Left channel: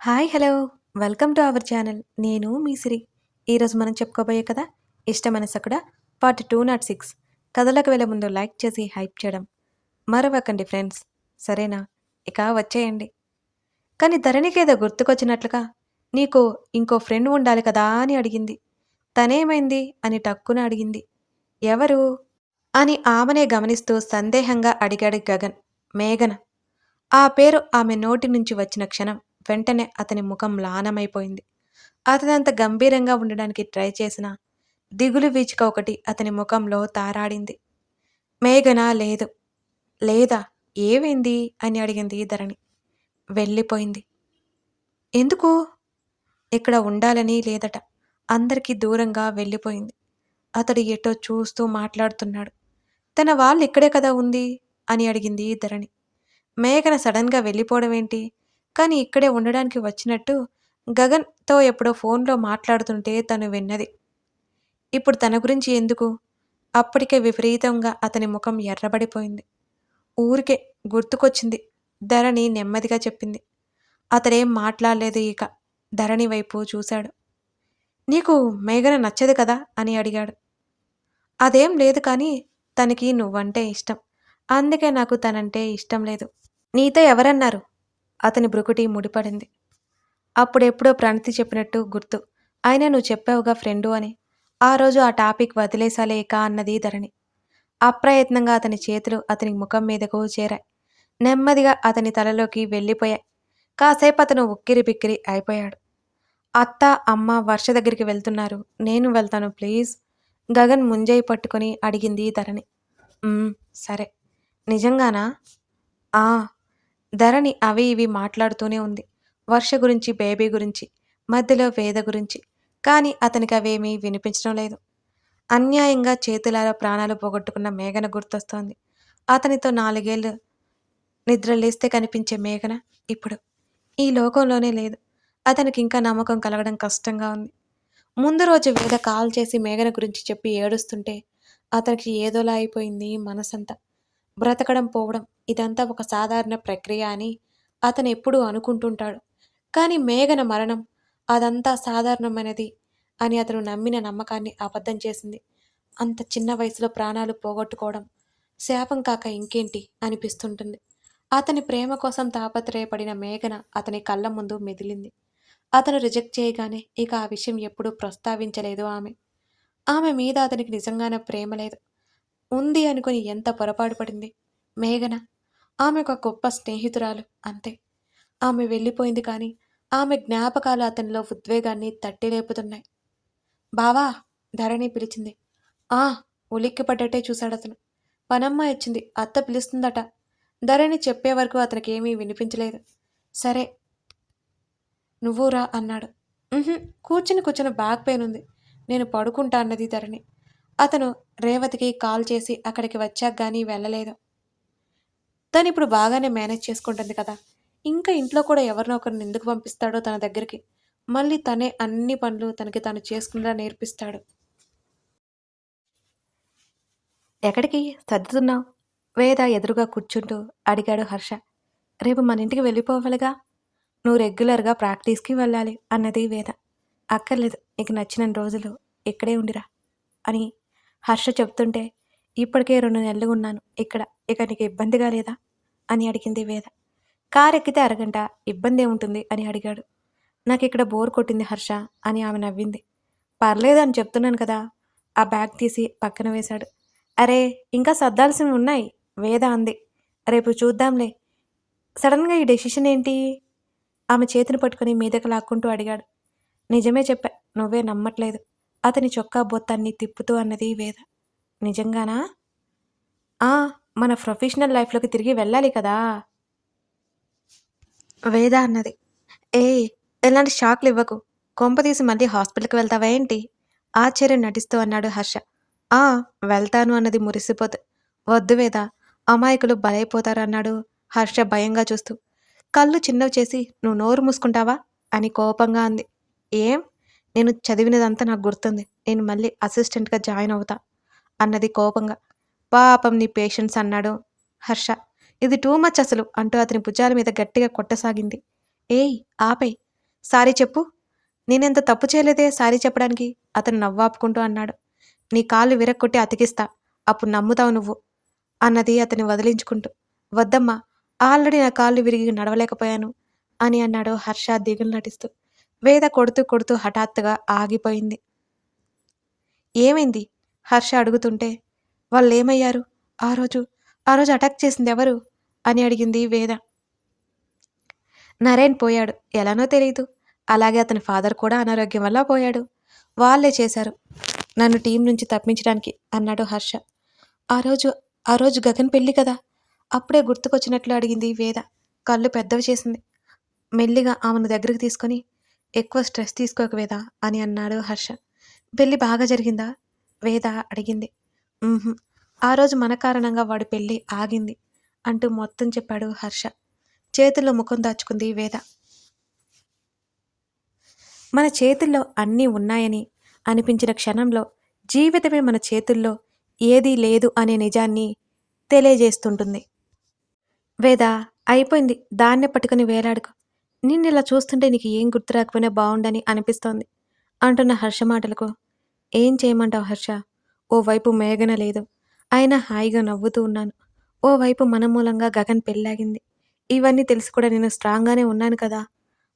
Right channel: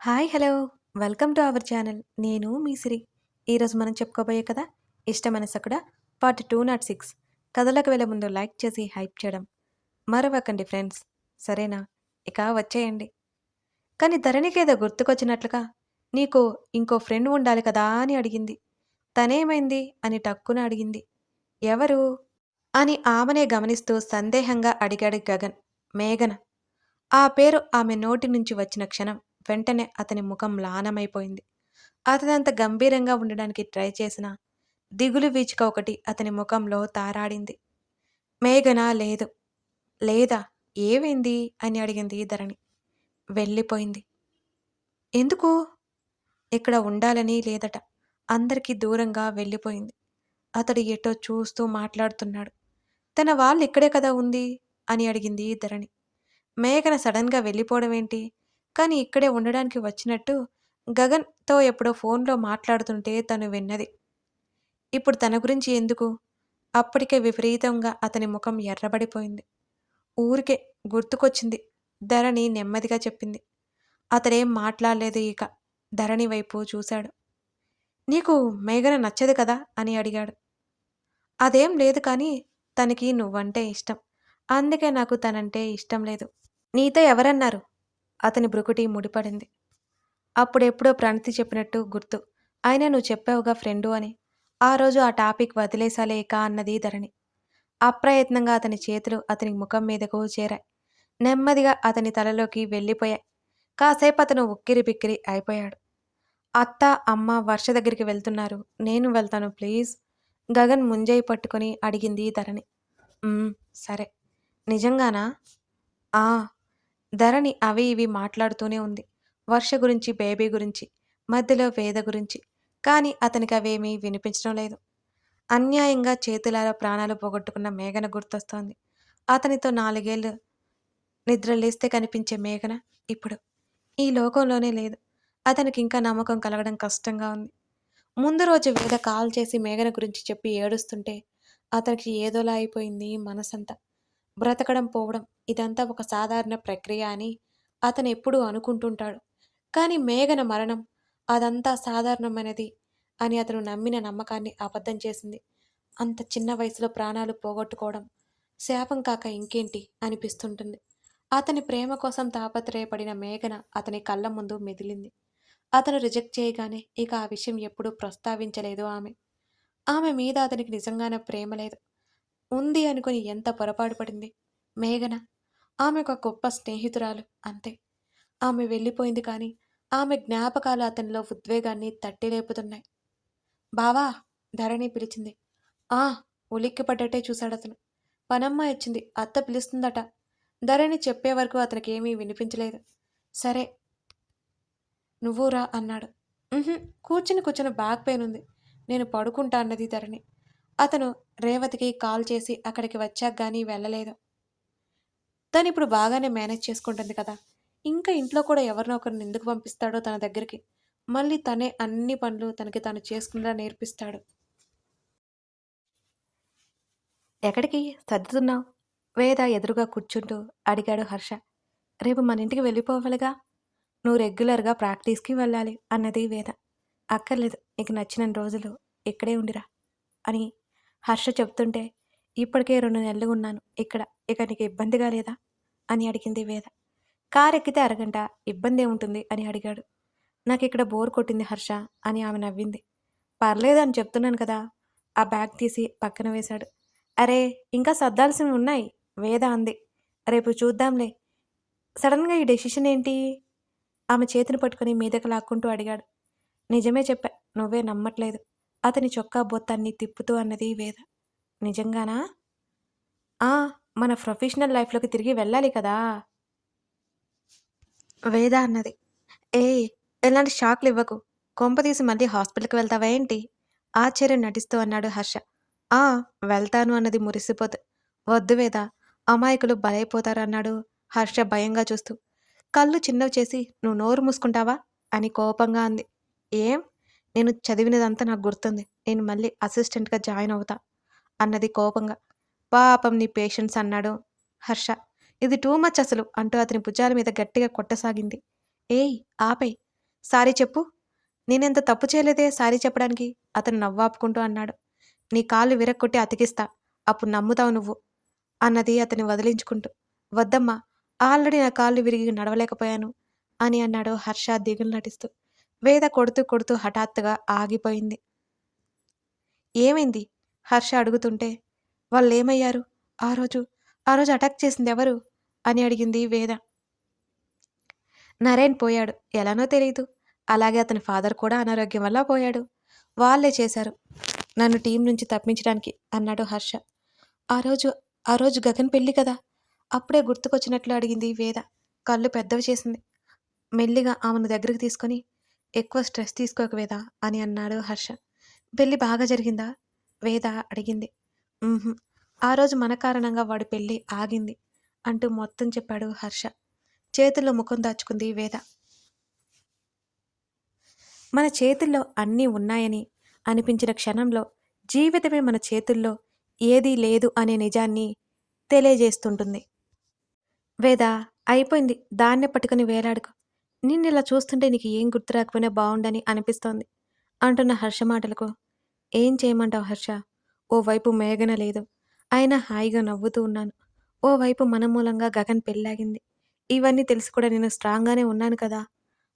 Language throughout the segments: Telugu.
Hi hello welcome to our channel. నేను మీ సిరి. ఈరోజు మనం చెప్పుకోబోయే కథ ఇష్టమైన సకుడ పార్ట్ 206. కథలోకి వెళ్ళే ముందు లైక్ చేసి హైప్ చేయడం మరవకండి ఫ్రెండ్స్. సరేనా? ఇక వచ్చేయండి. కానీ ధరణికేదో గుర్తుకొచ్చినట్లుగా నీకు ఇంకో ఫ్రెండ్ ఉండాలి కదా అని అడిగింది. తనేమైంది అని టక్కున అడిగింది. ఎవరు అని ఆమెనే గమనిస్తూ సందేహంగా అడిగాడు గగన్. మేఘన. ఆ పేరు ఆమె నోటి నుంచి వచ్చిన క్షణం వెంటనే అతని ముఖం మ్లానమైపోయింది. అతనంత గంభీరంగా ఉండడానికి ట్రై చేసినా దిగులు వీచిక ఒకటి అతని ముఖంలో తారాడింది. మేఘన లేదు. లేదా? ఏమైంది అని అడిగింది ధరణి. వెళ్ళిపోయింది. ఎందుకు? ఇక్కడ ఉండాలని లేదట. అందరికీ దూరంగా వెళ్ళిపోయింది. అతడు ఎటో చూస్తూ మాట్లాడుతున్నాడు. తన వాళ్ళు ఇక్కడే కదా ఉంది అని అడిగింది ధరణి. మేఘన సడన్‌గా వెళ్ళిపోవడమేంటి? కానీ ఇక్కడే ఉండడానికి వచ్చినట్టు గగన్‌తో ఎప్పుడో ఫోన్‌లో మాట్లాడుతుంటే తను విన్నది. ఇప్పుడు తన గురించి ఎందుకు? అప్పటికే విపరీతంగా అతని ముఖం ఎర్రబడిపోయింది. ఊరికే గుర్తుకొచ్చింది ధరణి నెమ్మదిగా చెప్పింది. అతడేం మాట్లాడలేదు ఇక. ధరణి వైపు చూశాడు. నీకు మేఘన నచ్చదు కదా అని అడిగాడు. అదేం లేదు కానీ తనకి నువ్వంటే ఇష్టం. అందుకే నాకు తనంటే ఇష్టం లేదు. నీతో ఎవరన్నారు? అతని భృకుటి ముడిపడింది. అప్పుడెప్పుడో ప్రణతి చెప్పినట్టు గుర్తు. అయినా నువ్వు చెప్పావుగా ఫ్రెండు అని. ఆ రోజు ఆ టాపిక్ వదిలేసాలేక అన్నది ధరణి. అప్రయత్నంగా అతని చేతులు అతని ముఖం మీదకు చేరాయి. నెమ్మదిగా అతని తలలోకి వెళ్ళిపోయాయి. కాసేపు అతను ఉక్కిరి బిక్కిరి అయిపోయాడు. అత్త, అమ్మ వర్ష దగ్గరికి వెళ్తున్నారు. నేను వెళ్తాను ప్లీజ్. గగన్ ముంజేయి పట్టుకొని అడిగింది ధరణి. సరే. నిజంగానా? ఆ ధరణి అవి ఇవి మాట్లాడుతూనే ఉంది. వర్ష గురించి, బేబీ గురించి, మధ్యలో వేద గురించి. కానీ అతనికి అవేమీ వినిపించడం లేదు. అన్యాయంగా చేతులారా ప్రాణాలు పోగొట్టుకున్న మేఘన గుర్తొస్తోంది. అతనితో 4 ఏళ్లు నిద్రలేస్తే కనిపించే మేఘన ఇప్పుడు ఈ లోకంలోనే లేదు. అతనికింకా నమ్మకం కలగడం కష్టంగా ఉంది. ముందు రోజు వేద కాల్ చేసి మేఘన గురించి చెప్పి ఏడుస్తుంటే అతనికి ఏదోలా అయిపోయింది మనసంతా. బ్రతకడం పోవడం ఇదంతా ఒక సాధారణ ప్రక్రియ అని అతను ఎప్పుడూ అనుకుంటుంటాడు. కానీ మేఘన మరణం అదంతా సాధారణమైనది అని అతను నమ్మిన నమ్మకాన్ని అబద్ధం చేసింది. అంత చిన్న వయసులో ప్రాణాలు పోగొట్టుకోవడం శాపం కాక ఇంకేంటి అనిపిస్తుంటుంది. అతని ప్రేమ కోసం తాపత్రయపడిన మేఘన అతని కళ్ళ ముందు మెదిలింది. అతను రిజెక్ట్ చేయగానే ఇక ఆ విషయం ఎప్పుడూ ప్రస్తావించలేదు ఆమె. ఆమె మీద అతనికి నిజంగానే ప్రేమ లేదు. ఉంది అనుకుని ఎంత పొరపాటు పడింది మేఘన. ఆమె ఒక గొప్ప స్నేహితురాలు అంతే. ఆమె వెళ్ళిపోయింది కానీ ఆమె జ్ఞాపకాలు అతనిలో ఉద్వేగాన్ని తట్టి లేపుతున్నాయి. బావా ధరణి పిలిచింది. ఆ ఉలిక్కిపడ్డట్టే చూశాడతను. పనమ్మాయి వచ్చింది. అత్త పిలుస్తుందట. ధరణి చెప్పే వరకు అతనికి ఏమీ వినిపించలేదు. సరే నువ్వు రా అన్నాడు. కూర్చుని కూర్చుని బ్యాక్ పెయిన్ ఉంది. నేను పడుకుంటా అన్నది ధరణి. అతను రేవతికి కాల్ చేసి అక్కడికి వచ్చాక గానీ వెళ్ళలేదు. తనిప్పుడు బాగానే మేనేజ్ చేసుకుంటుంది కదా! ఇంకా ఇంట్లో కూడా ఎవరినో ఒకరిని ఎందుకు పంపిస్తాడో తన దగ్గరికి. మళ్ళీ తనే అన్ని పనులు తనకి తాను చేసుకునేలా నేర్పిస్తాడు. ఎక్కడికి సర్దుతున్నావు? వేద ఎదురుగా కూర్చుంటూ అడిగాడు హర్ష. రేపు మన ఇంటికి వెళ్ళిపోవాలిగా. నువ్వు రెగ్యులర్‌గా ప్రాక్టీస్‌కి వెళ్ళాలి అన్నది వేద. అక్కర్లేదు. నీకు నచ్చినన్ని రోజులు ఇక్కడే ఉండిరా అని హర్ష చెప్తుంటే, ఇప్పటికే 2 నెలలు ఉన్నాను ఇక్కడ. ఇక నీకు ఇబ్బందిగా లేదా? అని అడిగింది వేద. కారెక్కితే అరగంట. ఇబ్బందేముంటుంది అని అడిగాడు. నాకిక్కడ బోర్ కొట్టింది హర్ష అని ఆమె నవ్వింది. పర్లేదు అని చెప్తున్నాను కదా. ఆ బ్యాగ్ తీసి పక్కన వేశాడు. అరే ఇంకా సర్దాల్సినవి ఉన్నాయి వేద అంది. రేపు చూద్దాంలే. సడన్‌గా ఈ డెసిషన్ ఏంటి? ఆమె చేతిని పట్టుకుని మీదకి లాక్కుంటూ అడిగాడు. నిజమే చెప్పా. నువ్వే నమ్మట్లేదు. అతని చొక్కా బొత్తాన్ని తిప్పుతూ అన్నది వేద. నిజంగానా? ఆ! మన ప్రొఫెషనల్ లైఫ్‌లోకి తిరిగి వెళ్ళాలి కదా! వేద అన్నది. ఏయ్! ఎలాంటి షాక్‌లివ్వకు. కొంపదీసి మళ్ళీ హాస్పిటల్‌కి వెళ్తావా ఏంటి? ఆశ్చర్యం నటిస్తూ అన్నాడు హర్ష. ఆ! వెళ్తాను అన్నది మురిసిపోతూ. వద్దు వేద. అమాయకులు బలైపోతారు అన్నాడు హర్ష భయంగా చూస్తూ. కళ్ళు చిన్నవి చేసి నువ్వు నోరు మూసుకుంటావా? అని కోపంగా అంది. ఏం? నేను చదివినదంతా నాకు గుర్తుంది. నేను మళ్ళీ అసిస్టెంట్‌గా జాయిన్ అవుతా అన్నది కోపంగా. పాపం నీ పేషెన్స్ అన్నాడు హర్ష. ఇది టూ మచ్ అసలు అంటూ అతని భుజాల మీద గట్టిగా కొట్టసాగింది. ఏయ్! ఆపేయ్. సారీ చెప్పు. నేనెంత తప్పు చేయలేదే సారీ చెప్పడానికి అతను నవ్వాపుకుంటూ అన్నాడు. నీ కాళ్ళు విరక్కొట్టి అతికిస్తా. అప్పుడు నమ్ముతావు నువ్వు అన్నది అతన్ని వదిలించుకుంటూ. వద్దమ్మా, ఆల్రెడీ నా కాళ్ళు విరిగి నడవలేకపోయాను అని అన్నాడు హర్ష దిగులు నటిస్తూ. వేద కొడుతూ కొడుతూ హఠాత్తుగా ఆగిపోయింది. ఏమైంది? హర్ష అడుగుతుంటే, వాళ్ళేమయ్యారు? ఆ రోజు ఆ రోజు అటాక్ చేసింది ఎవరు అని అడిగింది వేద. నరేన్ పోయాడు. ఎలానో తెలీదు. అలాగే అతని ఫాదర్ కూడా అనారోగ్యం వల్ల పోయాడు. వాళ్ళే చేశారు నన్ను టీం నుంచి తప్పించడానికి అన్నాడు హర్ష. ఆ రోజు ఆ రోజు గగన్ పెళ్లి కదా. అప్పుడే గుర్తుకొచ్చినట్లు అడిగింది వేద. కళ్ళు పెద్దవి చేసింది. మెల్లిగా ఆమెను దగ్గరికి తీసుకొని, ఎక్కువ స్ట్రెస్ తీసుకోక వేద అని అన్నాడు హర్ష. పెళ్లి బాగా జరిగిందా? వేద అడిగింది. "ఉహుం. ఆ రోజు మన కారణంగా వాడి పెళ్లి ఆగింది" అంటూ మొత్తం చెప్పాడు హర్ష. చేతుల్లో ముఖం దాచుకుంది వేద. మన చేతుల్లో అన్నీ ఉన్నాయని అనిపించిన క్షణంలో జీవితమే మన చేతుల్లో ఏదీ లేదు అనే నిజాన్ని తెలియజేస్తుంటుంది. వేద, అయిపోయింది. దాన్నే పట్టుకుని వేలాడుకో. నిన్నిలా చూస్తుంటే నీకు ఏం గుర్తు రాకపోయినా బావుండని అనిపిస్తోంది అంటున్న హర్ష మాటలకు, ఏం చేయమంటావు హర్ష? ఓవైపు మేఘన లేదు. అయినా హాయిగా నవ్వుతూ ఉన్నాను. ఓవైపు మన మూలంగా గగన్ పెళ్ళాగింది. ఇవన్నీ తెలిసి కూడా నేను స్ట్రాంగ్‌గానే ఉన్నాను కదా!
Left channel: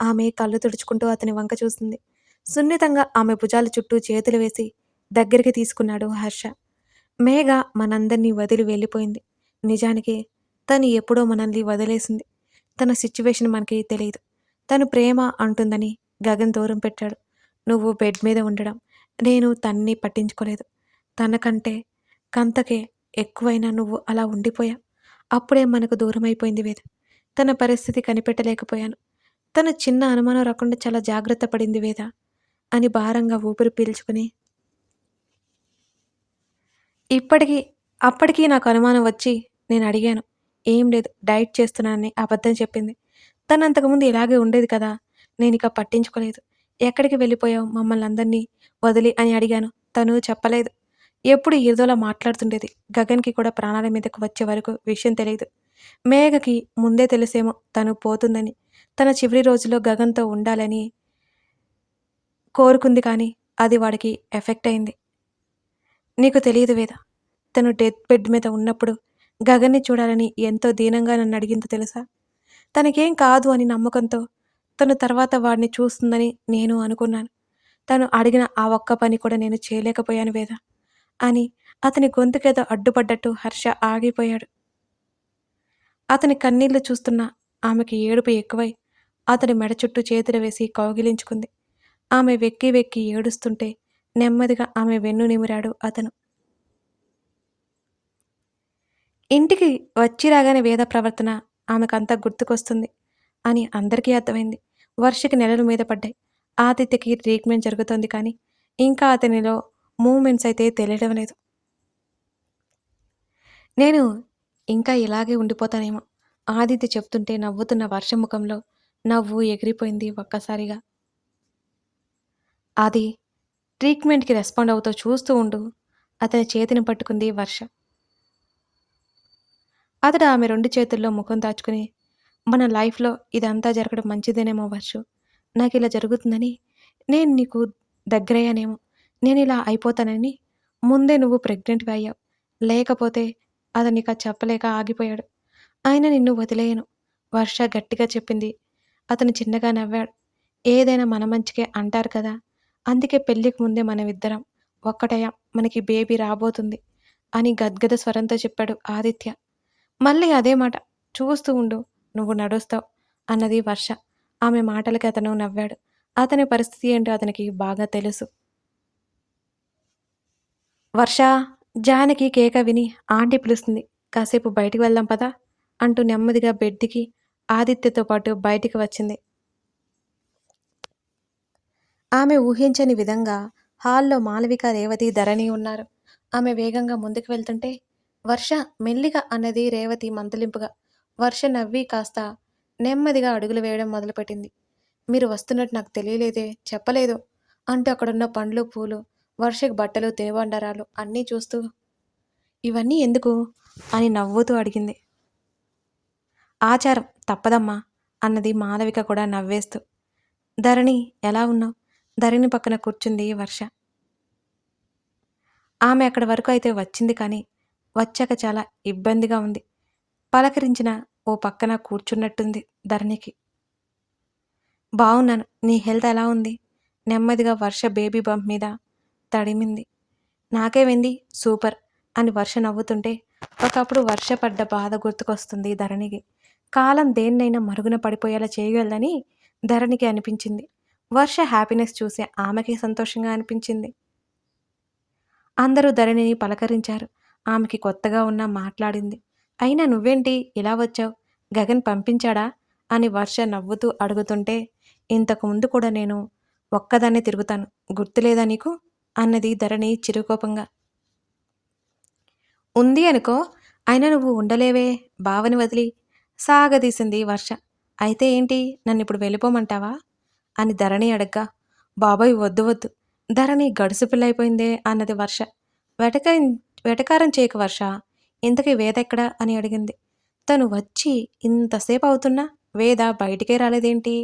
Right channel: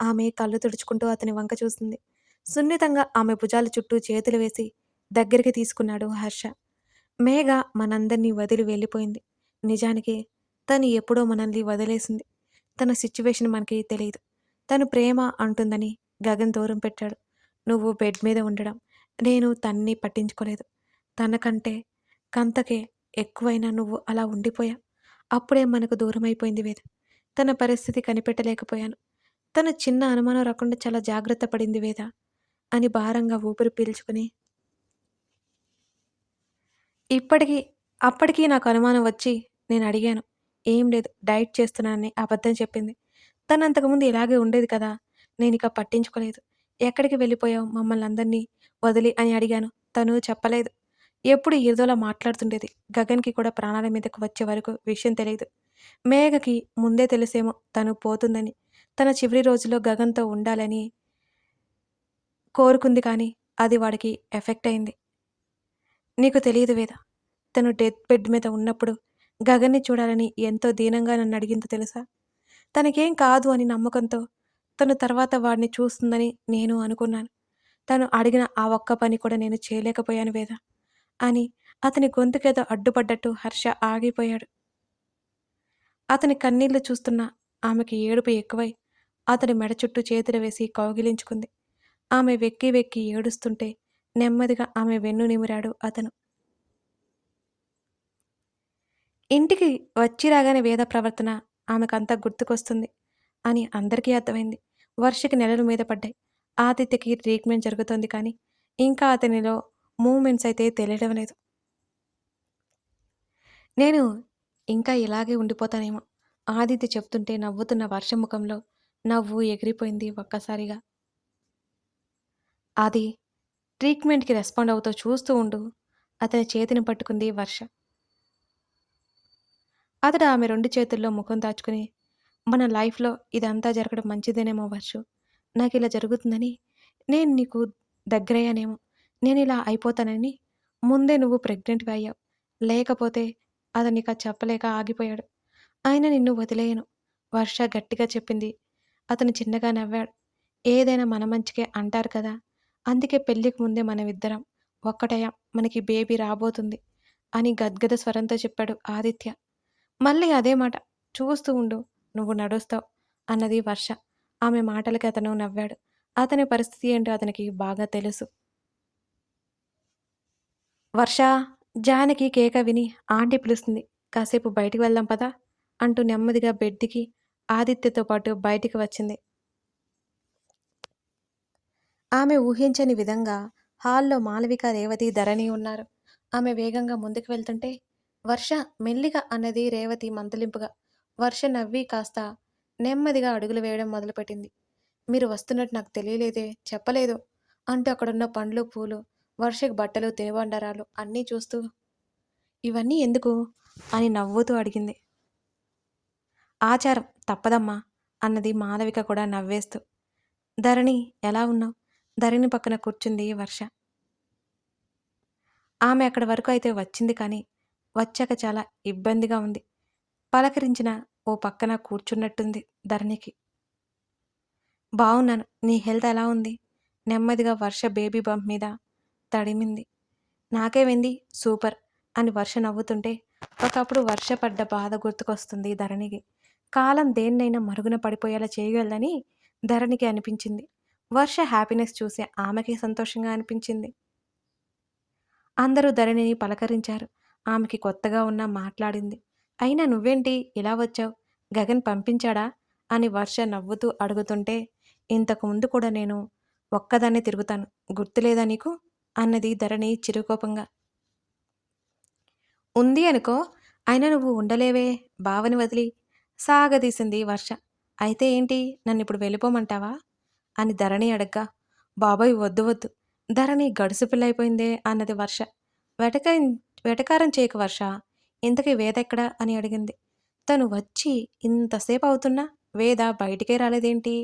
ఆమె కళ్ళు తుడుచుకుంటూ అతని వంక చూసింది. సున్నితంగా ఆమె భుజాల చుట్టూ చేతులు వేసి దగ్గరికి తీసుకున్నాడు హర్ష. మేఘ మనందర్నీ వదిలి వెళ్ళిపోయింది. నిజానికి తను ఎప్పుడో మనల్ని వదిలేసింది. తన సిచ్యువేషన్ మనకి తెలీదు. తను ప్రేమ అంటుందని గగన్ దూరం పెట్టాడు. నువ్వు బెడ్ మీద ఉండడం, నేను తన్ని పట్టించుకోలేదు. తనకంటే కంతకే ఎక్కువైనా నువ్వు అలా ఉండిపోయావు. అప్పుడే మనకు దూరమైపోయింది వేద. తన పరిస్థితి కనిపెట్టలేకపోయాను. తను చిన్న అనుమానం రాకుండా చాలా జాగ్రత్త పడింది వేద అని భారంగా ఊపిరి పీల్చుకుని, ఇప్పటికి అప్పటికి నాకు అనుమానం వచ్చి నేనడిగాను. ఏం లేదు, డైట్ చేస్తున్నానని అబద్ధం చెప్పింది. తనంతకుముందు ఇలాగే ఉండేది కదా! నేనిక పట్టించుకోలేదు. ఎక్కడికి వెళ్ళిపోయావు మమ్మల్నందరినీ వదిలి అని అడిగాను. తను చెప్పలేదు. ఎప్పుడు ఏదోలా మాట్లాడుతుండేది. గగన్‌కి కూడా ప్రాణాల మీదకు వచ్చే వరకు విషయం తెలీదు. మేఘకి ముందే తెలుసేమో తను పోతుందని. తన చివరి రోజుల్లో గగన్‌తో ఉండాలని కోరుకుంది కానీ, అది వాడికి ఎఫెక్ట్ అయింది. నీకు తెలీదు వేద. తను డెత్ బెడ్ మీద ఉన్నప్పుడు గగన్‌ని చూడాలని ఎంతో దీనంగా నన్నడిగిందో తెలుసా? తనకేం కాదు అని నమ్మకంతో తను తర్వాత వాడిని చూస్తుందని నేను అనుకున్నాను. తను అడిగిన ఆ ఒక్క పని కూడా నేను చేయలేకపోయాను వేద అని అతని గొంతుకేదో అడ్డుపడ్డట్టు హర్ష ఆగిపోయాడు. అతని కన్నీళ్లు చూస్తున్న ఆమెకి ఏడుపు ఎక్కువై అతని మెడ చుట్టూ చేతులు వేసి కౌగిలించుకుంది. ఆమె వెక్కి వెక్కి ఏడుస్తుంటే నెమ్మదిగా ఆమె వెన్ను నిమిరాడు అతను. ఇంటికి వచ్చి రాగానే వేద ప్రవర్తన ఆమెకంతా గుర్తుకొస్తుంది అని అందరికీ అర్థమైంది. వర్షకి నెలలు మీద పడ్డాయి. ఆదిత్యకి ట్రీట్మెంట్ జరుగుతోంది కానీ ఇంకా అతనిలో మూవ్‌మెంట్స్ అయితే తెలియడం లేదు. నేను ఇంకా ఇలాగే ఉండిపోతానేమో. ఆదిత్య చెప్తుంటే నవ్వుతున్న వర్ష ముఖంలో నవ్వు ఎగిరిపోయింది ఒక్కసారిగా. ఆది, ట్రీట్మెంట్‌కి రెస్పాండ్ అవుతూ చూస్తూ ఉండు. అతని చేతిని పట్టుకుంది వర్ష. అతడు ఆమె 2 చేతుల్లో ముఖం దాచుకుని, మన లైఫ్‌లో ఇదంతా జరగడం మంచిదేనేమో వర్షు. నాకిలా జరుగుతుందని నేను నీకు దగ్గరయ్యానేమో. నేనిలా అయిపోతానని ముందే నువ్వు ప్రెగ్నెంట్‌వి అయ్యావు. లేకపోతే అతనిక చెప్పలేక ఆగిపోయాడు. అయినా నిన్ను వదిలేయను. వర్ష గట్టిగా చెప్పింది. అతను చిన్నగా నవ్వాడు. ఏదైనా మన మంచికే అంటారు కదా! అందుకే పెళ్ళికి ముందే మనమిద్దరం ఒక్కటయ్యాం. మనకి బేబీ రాబోతుంది అని గద్గద స్వరంతో చెప్పాడు ఆదిత్య. మళ్ళీ అదే మాట. చూస్తూ ఉండు. నువ్వు నడుస్తావు అన్నది వర్ష. ఆమె మాటలకి అతను నవ్వాడు. అతని పరిస్థితి ఏంటో అతనికి బాగా తెలుసు. వర్షా! జానకి కేక విని ఆంటీ పిలుస్తుంది. కాసేపు బయటికి వెళ్దాం పదా! అంటూ నెమ్మదిగా బెడ్‌కి ఆదిత్యతో పాటు బయటికి వచ్చింది. ఆమె ఊహించని విధంగా హాల్‌లో మాళవిక, రేవతి, ధరణి ఉన్నారు. ఆమె వేగంగా ముందుకు వెళ్తుంటే, వర్ష మెల్లిగా అన్నది రేవతి మందలింపుగా. వర్ష నవ్వి కాస్త నెమ్మదిగా అడుగులు వేయడం మొదలుపెట్టింది. మీరు వస్తున్నట్టు నాకు తెలియలేదే, చెప్పలేదు అంటూ అక్కడున్న పండ్లు, పూలు, వర్షకి బట్టలు, తినుబండారాలు అన్నీ చూస్తూ, ఇవన్నీ ఎందుకు అని నవ్వుతూ అడిగింది. ఆచారం తప్పదమ్మా అన్నది మాళవిక కూడా నవ్వేస్తూ. ధరణి ఎలా ఉన్నావు? ధరణి పక్కన కూర్చుంది వర్ష. ఆమె అక్కడి వరకు అయితే వచ్చింది కానీ, వచ్చాక చాలా ఇబ్బందిగా ఉంది. పలకరించిన ఓ పక్కన కూర్చున్నట్టుంది ధరణికి. బావున్నాను. నీ హెల్త్ ఎలా ఉంది? నెమ్మదిగా వర్ష బేబీ బంప్ మీద తడిమింది. నాకేమైంది? సూపర్ అని వర్ష నవ్వుతుంటే, ఒకప్పుడు వర్ష పడ్డ బాధ గుర్తుకొస్తుంది ధరణికి. కాలం దేన్నైనా మరుగున పడిపోయేలా చేయగలదని ధరణికి అనిపించింది. వర్ష హ్యాపీనెస్ చూసి ఆమెకి సంతోషంగా అనిపించింది. అందరూ ధరణిని పలకరించారు. ఆమెకి కొత్తగా ఉన్నా మాట్లాడింది. అయినా నువ్వేంటి ఇలా వచ్చావు? గగన్ పంపించాడా? అని వర్ష నవ్వుతూ అడుగుతుంటే, ఇంతకు ముందు కూడా నేను ఒక్కదాన్నే తిరుగుతాను. గుర్తులేదా నీకు? అన్నది ధరణి చిరుకోపంగా. ఉంది అనుకో. అయినా నువ్వు ఉండలేవే బావని వదిలి సాగదీసింది వర్ష. అయితే ఏంటి? నన్నిప్పుడు వెళ్ళిపోమంటావా? అని ధరణి అడగ్గా, బాబోయ్ వద్దు వద్దు. ధరణి గడుసు పిల్లయిపోయిందే అన్నది వర్ష. వెటక వెటకారం చేయకు వర్ష. ఇంతకీ వేద ఎక్కడా అని అడిగింది. తను వచ్చి ఇంతసేపు అవుతున్నా వేద బయటికే రాలేదేంటి?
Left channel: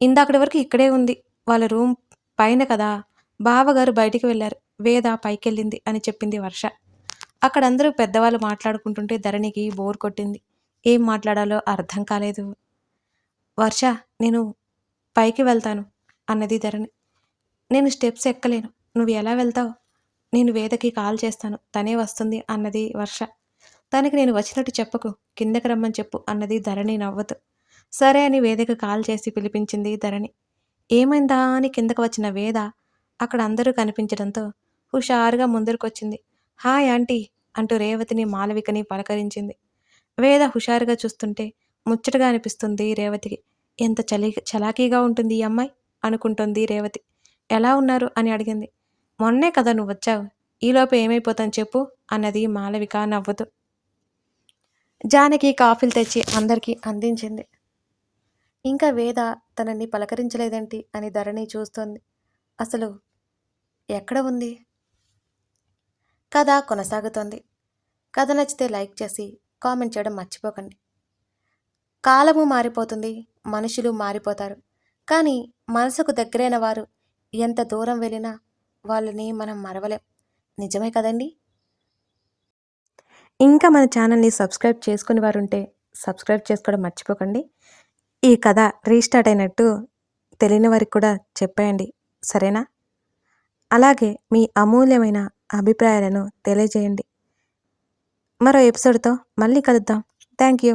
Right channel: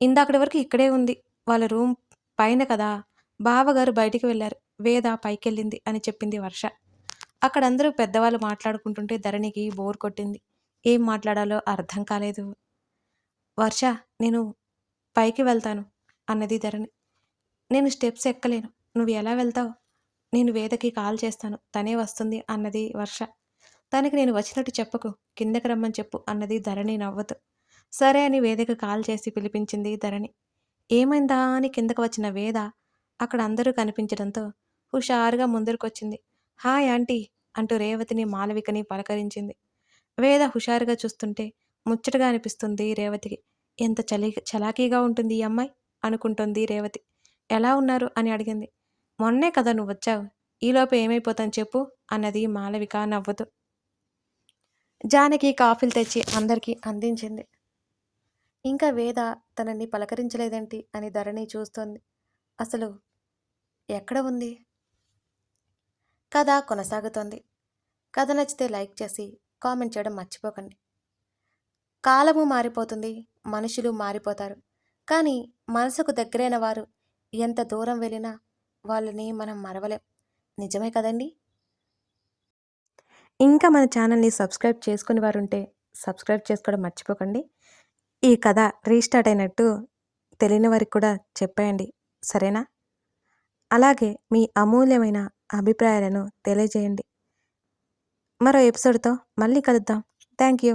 ఇందాకటి వరకు ఇక్కడే ఉంది. వాళ్ళ రూమ్ పైన కదా! బావగారు బయటికి వెళ్లారు. వేద పైకెళ్ళింది అని చెప్పింది వర్ష. అక్కడందరూ పెద్దవాళ్ళు మాట్లాడుకుంటుంటే ధరణికి బోర్ కొట్టింది. ఏం మాట్లాడాలో అర్థం కాలేదు. వర్ష నేను పైకి వెళ్తాను అన్నది ధరణి. నేను స్టెప్స్ ఎక్కలేను. నువ్వు ఎలా వెళ్తావు? నేను వేదకి కాల్ చేస్తాను. తనే వస్తుంది అన్నది వర్ష. తనకి నేను వచ్చినట్టు చెప్పకు. కిందకి రమ్మని చెప్పు అన్నది ధరణి నవ్వుతూ. సరే అని వేదకి కాల్ చేసి పిలిపించింది ధరణి. ఏమైందా అని కిందకు వచ్చిన వేద అక్కడ అందరూ కనిపించడంతో హుషారుగా ముందరికొచ్చింది. హాయ్ ఆంటీ అంటూ రేవతిని మాలవికని పలకరించింది. వేద హుషారుగా చూస్తుంటే ముచ్చటగా అనిపిస్తుంది రేవతికి. ఎంత చలాకీగా ఉంటుంది ఈ అమ్మాయి అనుకుంటుంది రేవతి. ఎలా ఉన్నారు అని అడిగింది. మొన్నే కదా నువ్వొచ్చావు. ఈలోపు ఏమైపోతాను చెప్పు అన్నది మాలవిక నవ్వుతూ. జానకి కాఫీలు తెచ్చి అందరికీ అందించింది. ఇంకా వేద తనని పలకరించలేదేంటి అని ధరణి చూస్తోంది. అసలు ఎక్కడ ఉంది? కథ కొనసాగుతోంది. కథ నచ్చితే లైక్ చేసి కామెంట్ చేయడం మర్చిపోకండి. కాలము మారిపోతుంది, మనుషులు మారిపోతారు. కానీ మనసుకు దగ్గరైన వారు ఎంత దూరం వెళ్ళినా వాళ్ళని మనం మరవలేం. నిజమే కదండి? ఇంకా మన ఛానల్ని సబ్స్క్రైబ్ చేసుకుని వారుంటే సబ్స్క్రైబ్ చేసుకోవడం మర్చిపోకండి. ఈ కథ రీస్టార్ట్ అయినట్టు తెలియని వారికి కూడా చెప్పేయండి. సరేనా? అలాగే మీ అమూల్యమైన అభిప్రాయాలను తెలియజేయండి. మరో ఎపిసోడ్తో మళ్ళీ కలుద్దాం. Thank you.